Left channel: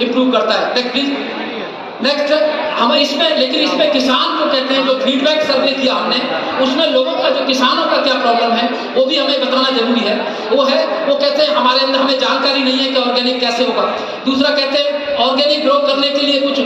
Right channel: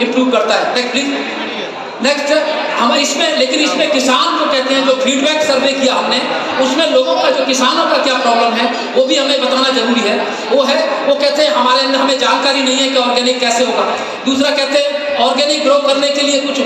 Improve करता है। Next please. Next हम इसमें, लेकिन इसमें किसान को कहते हैं, जो फीडबैक सर्वे किया हमने, उसमें लोगों का, जो किसानों का क्या प्रॉब्लम है वो भी हमें बताना जरूरी है। वो कहते हैं हमारे अंदर हमें जानकारी नहीं है कि ऑर्गेनिक कैसे होगा। दूसरा कहते हैं ऑर्गेनिक ग्रो करने के लिए कुछ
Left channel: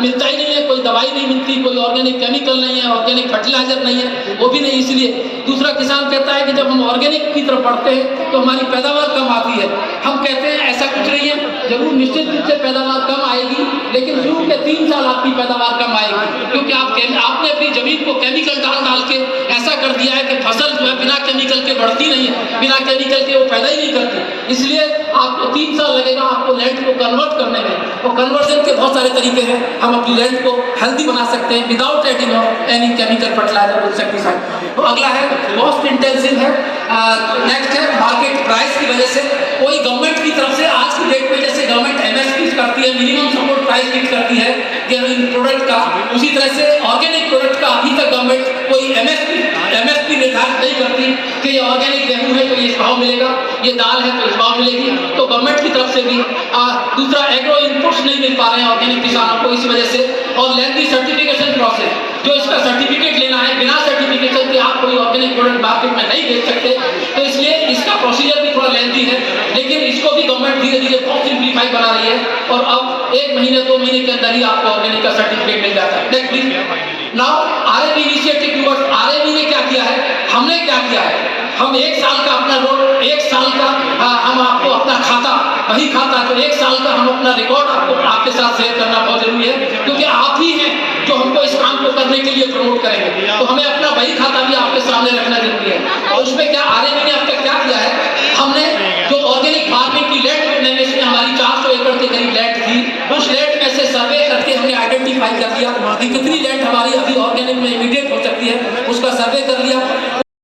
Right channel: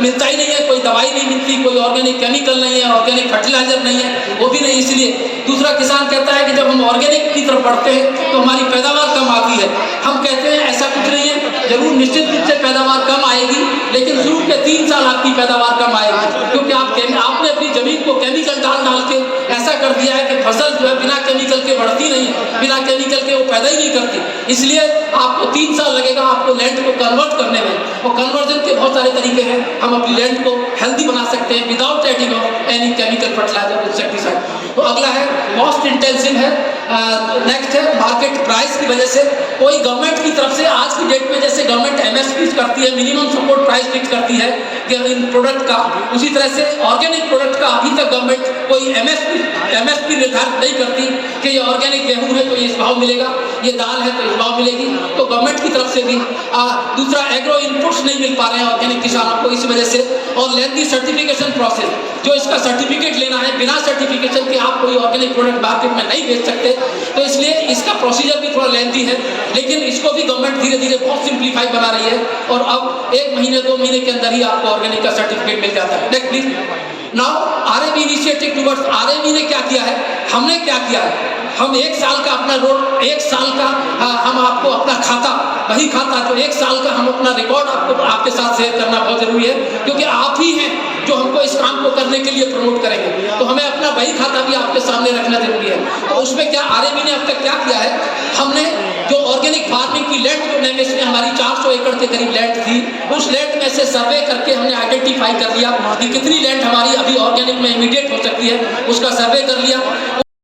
मिलता ही नहीं है, कोई दवाई नहीं मिलती, कोई ऑर्गेनिक केमिकल नहीं है, ऑर्गेनिक फर्टिलाइजर नहीं है, वो भी नहीं। इसलिए दूसरा किसान कहता है कि जब हम ऑर्गेनिक की तरफ बढ़ते हैं तो हमारी पैदावार कम आती है। हम कहते हैं ऐसा कुछ नहीं है, जरूर निश्चित रूप से पैदावार कम आएगी, लेकिन शुरू के 3 साल आपकी पैदावार कम आएगी, क्योंकि आपने अपनी जमीन को केमिकल डाल के ऐसा कर दिया है कि फसल जो है बिना केमिकल के बढ़ती नहीं है, बिना केमिकल के वो पैदा ही नहीं करती। इसलिए आपको 3 साल लगेगा आपको लैंड को कन्वर्ट करने में, और कन्वर्जन के बहुत सारे तरीके हैं। हम अपनी लैंड को हेल्दी बना सकते हैं without adding of any chemical fertiliser insecticide. तो अगला है कॉस्ट इंटेंसिव है। नेक्स्ट है मार्केट प्राइस की वजह से कोई गवर्नमेंट की तरफ से आज की डेट में, जैसे गवर्नमेंट एमएसपी करती है, मिनिमम सपोर्ट प्राइस फिक्स करती है कि इन प्रोडक्ट का, उसी तरह से ऑर्गेनिक प्रोडक्ट का अभी तक गवर्नमेंट कोई एमएसपी निर्धारित नहीं करती कि ये ऑर्गेनिक गेहूं है तो इस भाव मिलेगा, ये दाल है तो इस भाव मिलेगी। तो गवर्नमेंट की तरफ से भी दूसरा एग्रो इनपुट्स नहीं मिल पा रहे हैं ऑर्गेनिक किसानों को इस वजह से, और लेंथी सर्टिफिकेशन प्रोसेस, जो इसका सर्टिफिकेट लेना है बिना सर्टिफिकेशन के आप कोई ऑर्गेनिक प्रोडक्ट मार्केट में नहीं बेच सकते, तो इसलिए इसका प्रोसीजर भी थोड़ा लेंथी है। लेकिन इसको भी गवर्नमेंट धीरे धीरे बहुत सिंप्लीफाई बना रही है, और अब 1 महीने 2 महीने के अंदर ही आपको ऑर्गेनिक का सर्टिफिकेट मिल जाता है। Next please. Now RAB initiative towards, RAB ने क्या किया है, हमने क्या किया है, हम 1 साल का अपना रोड, 1 साल का हम आपको अपना खाता, वही खाता, तो 1 साल का हम अपना रिकॉर्ड आपके साथ शेयर करना बहुत जरूरी है, क्योंकि आप ही हैं जो हमको इस काम को करने के लिए प्रमोट करेंगे। तो हमें अपना वही खाता भी आपके सामने रखना जरूरी है। और उसमें क्या आरएबी ने अब तक क्या किया है, हमने जो ऑर्गेनिक फार्मिंग की लैंड में हमारी 400 एकड़ के करीब लैंड थी, उस लैंड में से सर्वे करके हमने आइडेंटिफाई कर लिया कि कितनी लैंड हमारी अभी ऑर्गेनिक में इमीडिएट हो सकती है, उसका सर्वे कर लिया।